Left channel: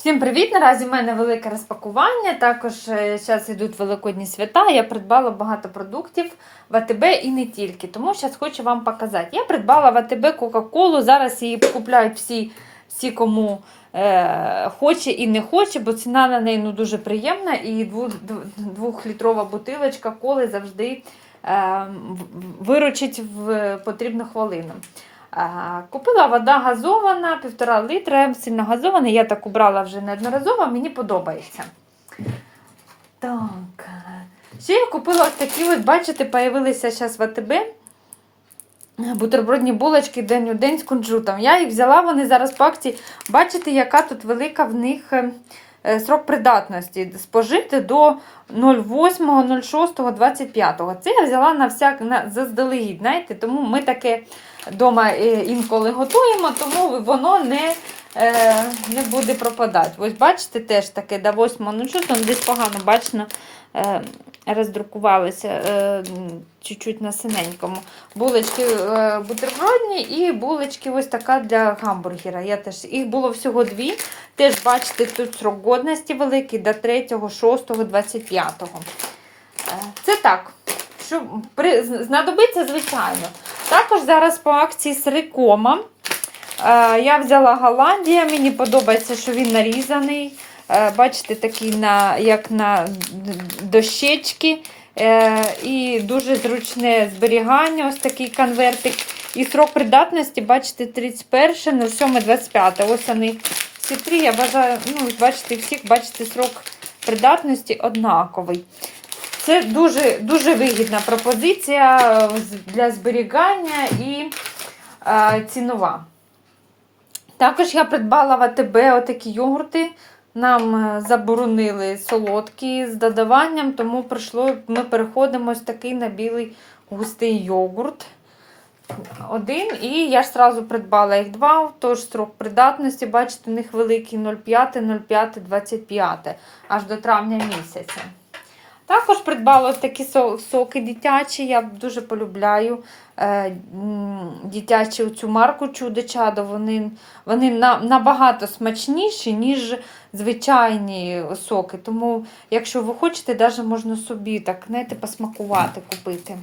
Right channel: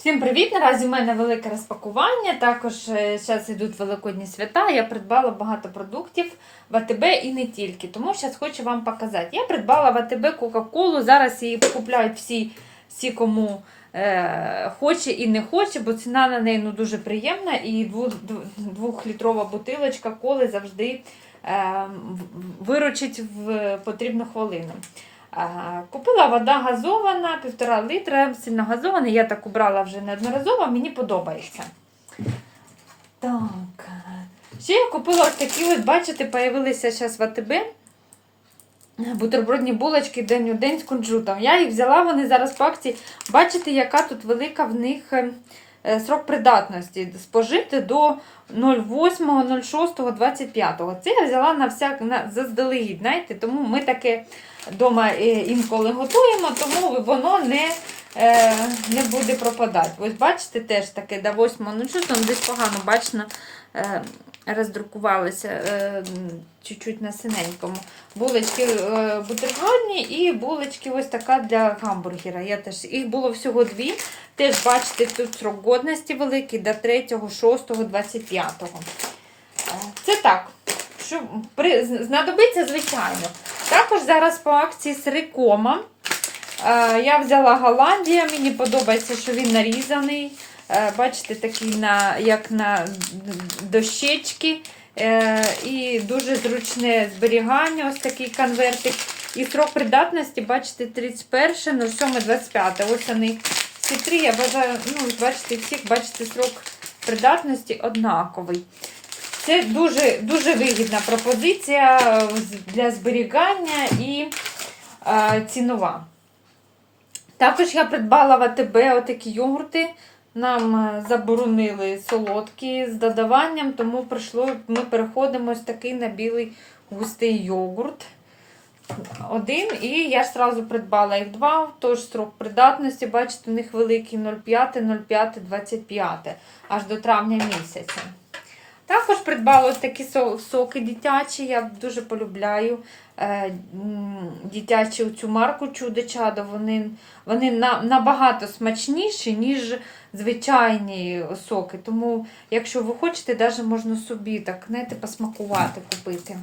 Всім привіт! Наразі в мене велике розпакування. Також зараз йдуть великодні свята. Я придбала багато продуктів в АТБ і не тільки. Тому зараз хочу вам показати. Я придбала в АТБ Кока-Колу. Зараз її купляють всі, всі кому е, хоче і не хоче, бо ціна на неї ну, дуже приємна. І двохлітрова бутилочка коли завжди е, виручить в потрібну хвилину. А, Купила вода газована, півтора літра, сильно газована. Я так убрала вже неодноразово, мені подобається. Так. Ще я купила ось такі, ось, бачите, появилися зараз в АТБ. Бутербродні булочки день у день з кунжутом. Я їх взяла, вони зараз по акції. Бачите, яка тут велика в них е, е, срок придатності. Спожити до 08.06.25. Це я взяла на всяк на заздалегідь, знаєте, тому ми таке вдома інколи готуємо, тому воно не, е, не буде пропадати. Ось бачите, теж таке до 8.06, ну, десь погано бачно е, роздрукувалися е, чуть-чуть на синенькому. Булочки е, бутербродні і булочки ось така для гамбургера. Я теж, їх було всього дві. Теж бачите, тут срок годності великий до 3.6.25. Е, Це так. Що при, знадобиться, звичайно. Також зараз по акції сирикома. Е, я взяла Голландія, мені подобається, що він нарізаний. Е, бачите, такий на, як на дощечки. Е, і дуже зручне зберігання, ось такий конвертик. І срок придатності, бачите, 31, 07, 25. Ось вони всі три, я бажаю, ну, бачите, всіх, бачите, срок придатності однаковий. Це дуже дуже вигідна пропозиція е, для зберігання і цінова. Також я придбала в АТБ отакі йогурти. Нам е, заборонили солодкі з додаванням, тому прийшло, ми переходимо ось такий на білий густий йогурт. Один, і я ж одразу придбала їх два, тож строк придатності, бачите, у них великий 0,5, 0,5, 25, аж до травня місяця. Також придбала такі соки дитячі. Я дуже полюбляю е, м, дитячі цю марку чудо-чадо. Вони, вони набагато смачніші, ніж звичайні соки. Тому, якщо ви хочете, навіть можна собі так, знаєте, посмакувати, купити.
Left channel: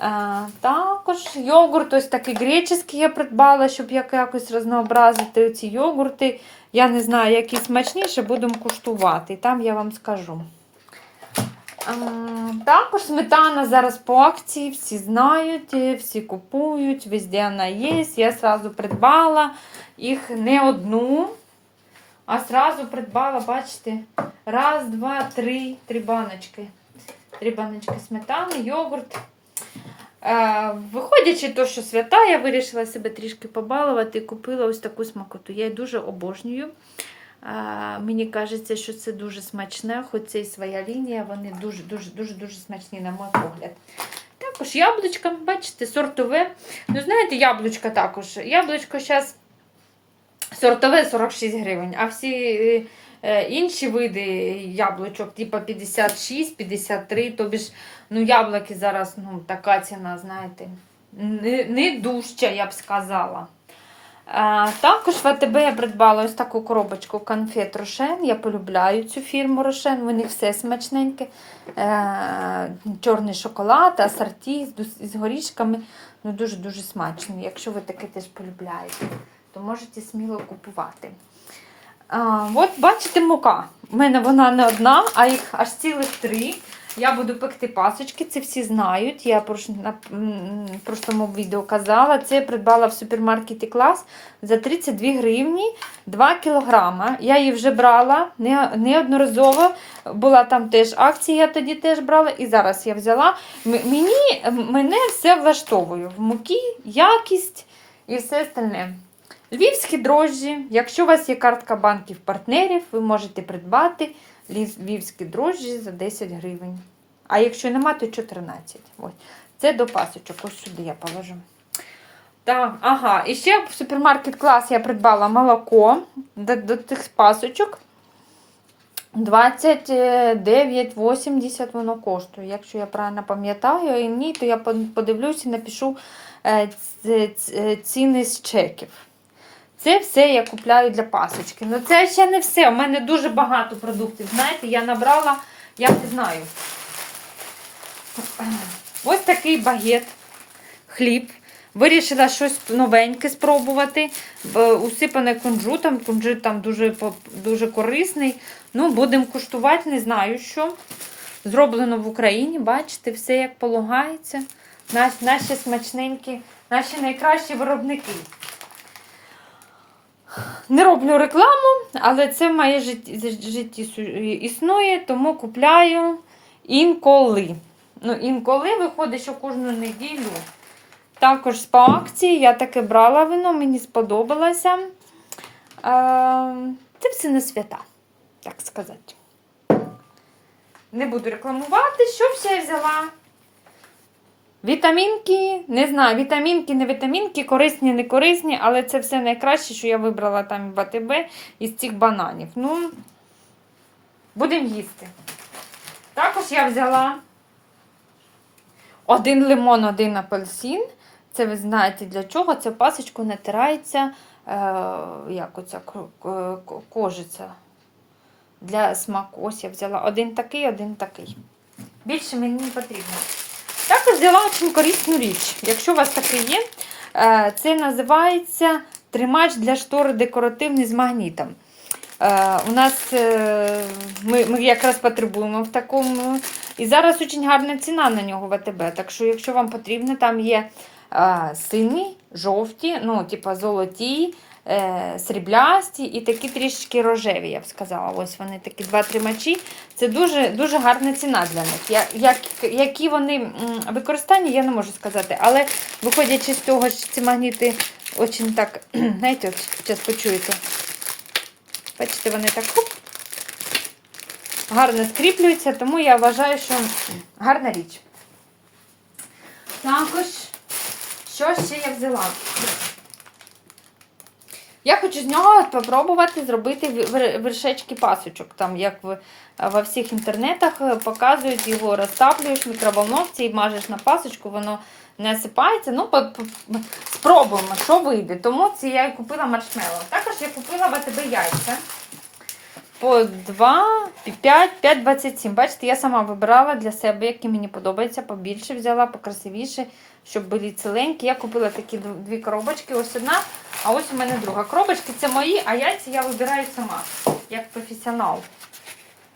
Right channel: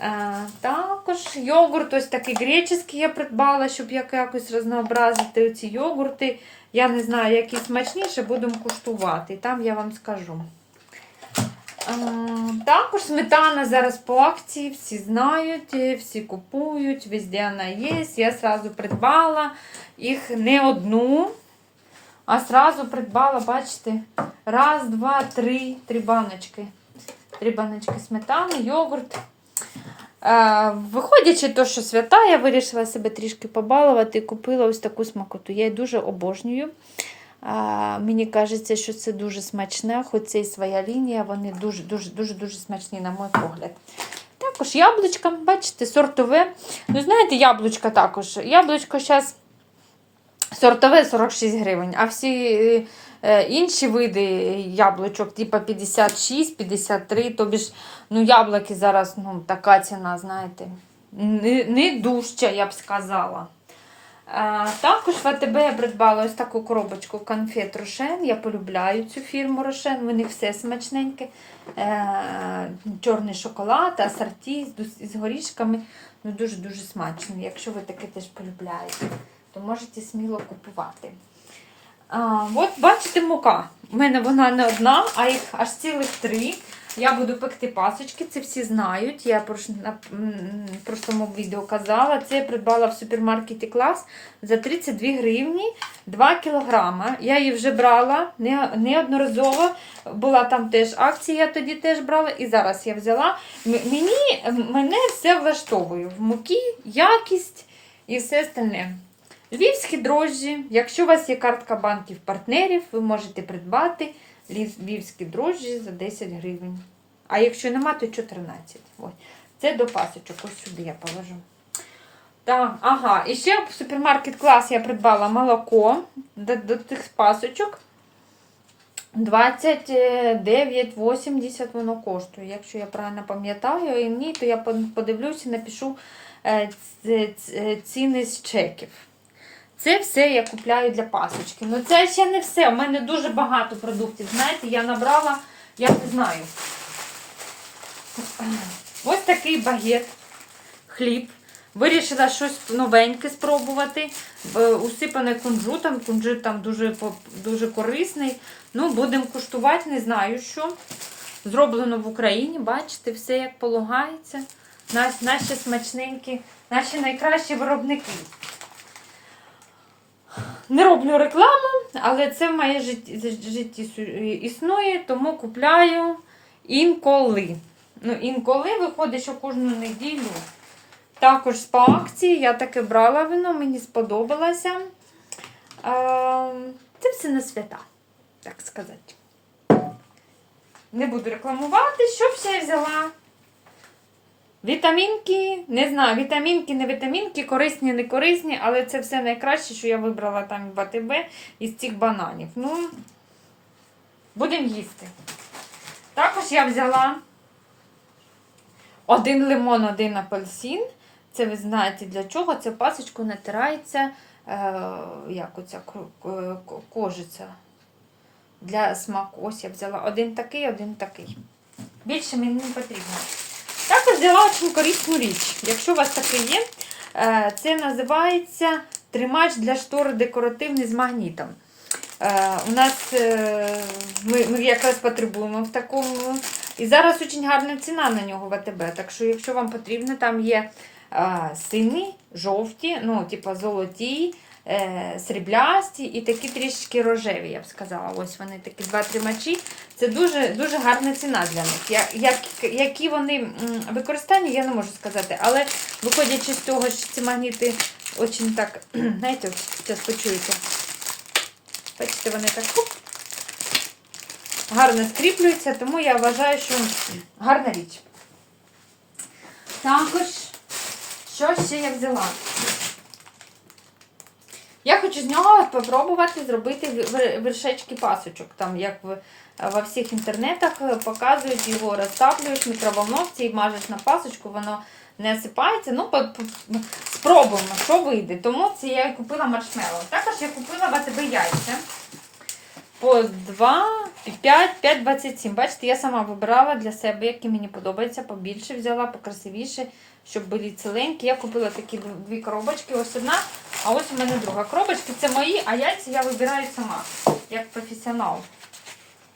Е, також йогурт ось такий греческий я придбала, щоб якось рознообразити ці йогурти. Я не знаю, які смачніші, будемо куштувати. І там я вам скажу. Е, Також сметана зараз по акції, всі знають, всі купують, везде вона є. Я сразу придбала їх не одну, а сразу придбала, бачите, раз, два, три, три баночки. Три баночки сметани, йогурт. Е, Виходячи то, що свята, я вирішила себе трішки побалувати і купила ось таку смакоту. Я її дуже обожнюю. Мені кажеться, що це дуже смачне, хоч це і своя лінія, вони дуже-дуже дуже дуже смачні, на мій погляд. Також яблучка, бачите, сортове. Ну, знаєте, яблучка також. Яблучко зараз сортове 46 гривень, а всі е, е, інші види яблучок, типу 56, 53, тобі ж ну, яблуки зараз ну, така ціна, знаєте, не, не дужча, я б сказала. Також в я придбала ось таку коробочку конфет Рошен. Я полюбляю цю фірму Рошен, у них все смачненьке. Е, чорний шоколад, асорті з, горішками. Ну, Дуже-дуже смачно. Якщо ви таке теж полюбляєте, то можете сміло купувати. От бачите, мука. У мене вона не одна, а їх аж цілих три. Я буду пекти пасочки, це всі знають. Я прош- на відео казала. Це я придбала в супермаркеті клас за 32 гривні 2 кілограма. Я її вже брала неодноразово. Була там теж акція, я тоді теж брала, і зараз я взяла. Мені, мене все влаштовує. В муки, якість і все остальне. Львівські дрожжі. Якщо у вас є картка банків партнерів, ви можете придбати львівські дрожжі за 10 гривень. А якщо нема, то 14. Ось. Це до пасочок. Ось сюди я положу. Так, ага. І ще в супермаркет клас я придбала молоко до, до тих пасочок. 29,80 воно коштує. Якщо я правильно пам'ятаю, і ні, то я подивлюся і напишу е, ц- ц- ціни з чеків. Це все я купляю для пасочки. Ну це ще не все. У мене дуже багато продуктів. Знаєте, я набрала, я не знаю. Ось такий багет, хліб. Вирішила щось новеньке спробувати. Усипане кунжутом. Кунжут там дуже, дуже корисний. Ну, будемо куштувати, не знаю що. Зроблено в Україні, бачите, все як полагається. Наш, наші смачненькі, наші найкращі виробники. Не роблю рекламу, але це в моє житті існує, тому купляю інколи. Ну, інколи виходить, що кожну неділю. Також по акції я таке брала вино, мені сподобалося. Е, Це все на свята, так сказати. Не буду рекламувати, що ще я взяла. Вітамінки, не знаю, вітамінки, не вітамінки, корисні, не корисні, але це все найкраще, що я вибрала там в АТБ із цих бананів. Ну, будемо їсти. Також я взяла один лимон, один апельсин. Це ви знаєте для чого? Це пасочку натирається, е, як оця кожиця для смаку. Ось я взяла один такий, один такий. Більше мені не потрібно. Також взяла дуже корисну річ. Якщо у вас таке є, е, це називається тримач для штори декоративний з магнітом. Е, У нас е, ми, ми якраз потребуємо в такому. І зараз дуже гарна ціна на нього в АТБ. Так що, якщо вам потрібно, там є е, сині, жовті, ну, типа золоті, е, сріблясті і такі трішечки рожеві, я б сказала. Ось вони такі два тримачі. Це дуже, дуже гарна ціна для них. Я, як, які вони використання, я не можу сказати. Але виходячи з того, що ці магніти дуже так, знаєте, зараз почуєте. Бачите, вони так гарно скріплюються, тому я вважаю, що гарна річ. Також, що ще я взяла? Я хочу з нього спробувати зробити вершечки пасочок. Там, як во всіх інтернетах е, показують, його розтаплюєш в мікроволновці і мажеш на пасочку, воно не осипається. Ну, спробуємо, що вийде. Тому це я і купила маршмеллоу. Також я купила в яйця. По 2, 5, 5, 27. Бачите, я сама вибирала для себе, які мені подобаються. Побільше взяла, покрасивіше, щоб були ціленькі. Я купила такі дві коробочки. Ось одна, а ось у мене друга. Коробочки це мої, а яйця я вибираю сама, як професіонал.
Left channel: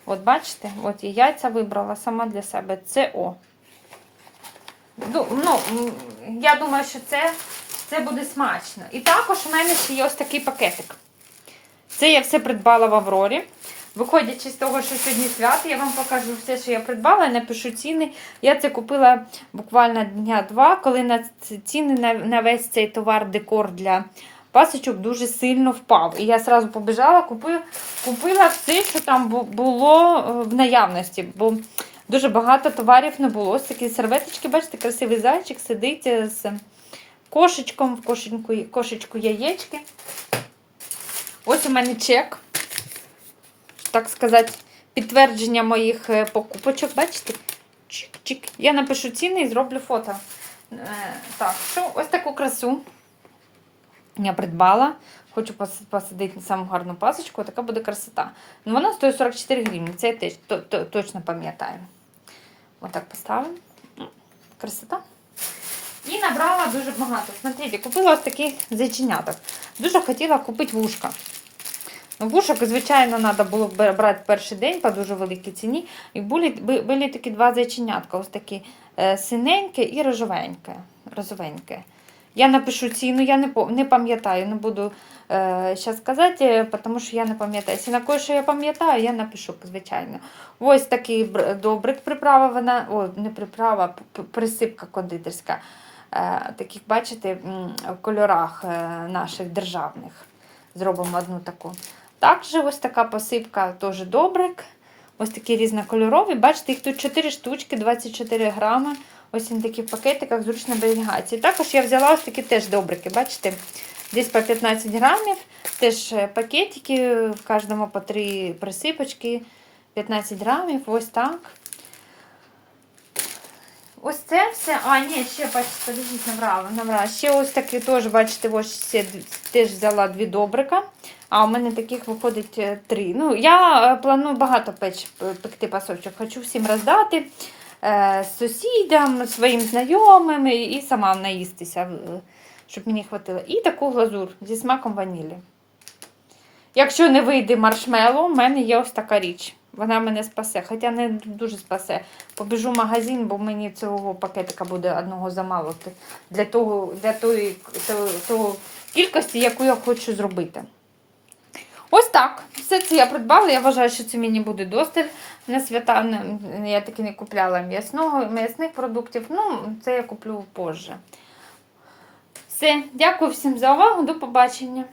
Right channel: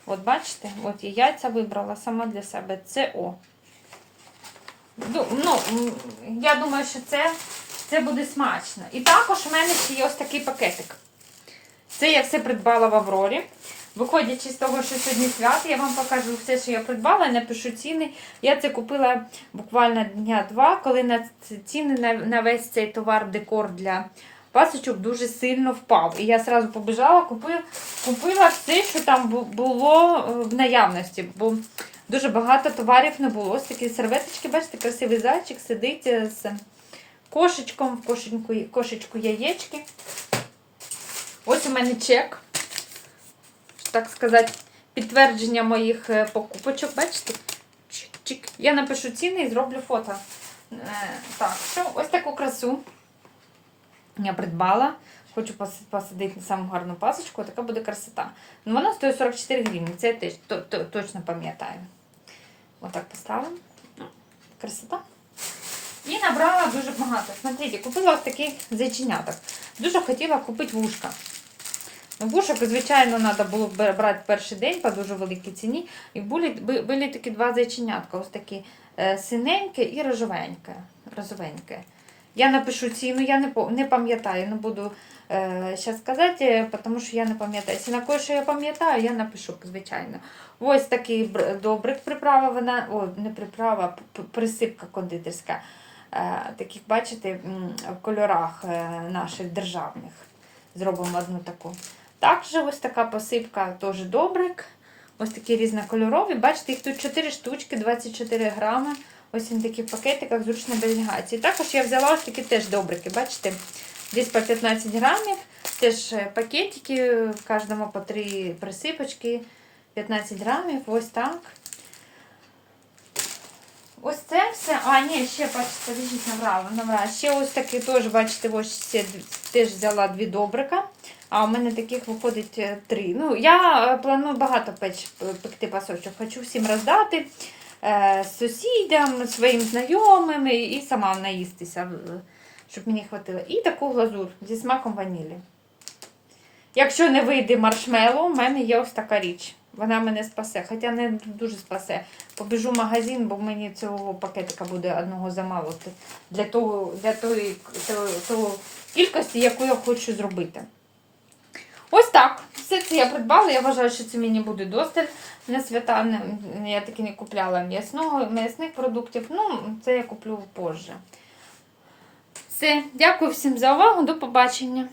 От бачите, от я яйця вибрала сама для себе. Це О. Ну, я думаю, що це, це буде смачно. І також у мене ще є ось такий пакетик. Це я все придбала в Аврорі. Виходячи з того, що сьогодні свято, я вам покажу все, що я придбала, напишу ціни. Я це купила буквально дня два, коли на ціни на, на весь цей товар, декор для пасочок дуже сильно впав. І я одразу побіжала, купила, купила все, що там було е, в наявності. Бо дуже багато товарів не було. Ось такі серветочки, бачите, красивий зайчик сидить е, з кошечком, в кошечку, кошечку яєчки. Ось у мене чек. Так сказати, підтвердження моїх е, покупочок. Бачите? Чик-чик. Я напишу ціни і зроблю фото. Е, Так, що ось таку красу я придбала. Хочу посадити на саму гарну пасочку, така буде красота. Ну, вона стоїть 44 гривні, це я теж то- то- точно пам'ятаю. Отак поставимо. Красота. І набрала дуже багато. Смотрите, купила ось таких зайченяток. Дуже хотіла купити вушка. Вушок, звичайно, треба було брати перший день по дуже великій ціні. І були, були такі два зайченятка, ось такі е, синеньке і рожовеньке. розовеньке. Я напишу ціну, я не, не пам'ятаю, не буду е, зараз сказати, е, тому що я не пам'ятаю. Якщо кое, що я пам'ятаю, я напишу, звичайно. Ось такий бр- добрик приправа, вона, ой, не приправа, присипка кондитерська. Е, таких, бачите, в кольорах е, наших державних. Зробимо одну таку. Також ось така посипка теж добрик. Ось такі різнокольорові. Бачите, їх тут 4 штучки, 24 грами. Ось він такі в пакетиках, зручно зберігається. І також я взяла ось такі теж добрики. Бачите, десь по 15 грамів. Теж е, пакетики, в кожному по 3 присипочки. 15 грамів, ось так. Ось це все. А, ні, ще бачите, подивіть, набрала, набрала. Ще ось такі теж, бачите, ось теж взяла дві добрика. А у мене таких виходить е, три. Ну, я е, планую багато печ, пекти пасочок. Хочу всім роздати е, сусідам, своїм знайомим і, сама наїстися, щоб мені хватило. І таку глазур зі смаком ванілі. Якщо не вийде маршмеллоу, в мене є ось така річ. Вона мене спасе, хоча не дуже спасе. Побіжу в магазин, бо мені цього пакетика буде одного замало для того, для тої, того, того кількості, яку я хочу зробити. Ось так. Все це я придбала. Я вважаю, що це мені буде досталь на свята. Я таки не купляла м'ясного, м'ясних продуктів. Ну, це я куплю позже. Все, дякую всім за увагу. До побачення.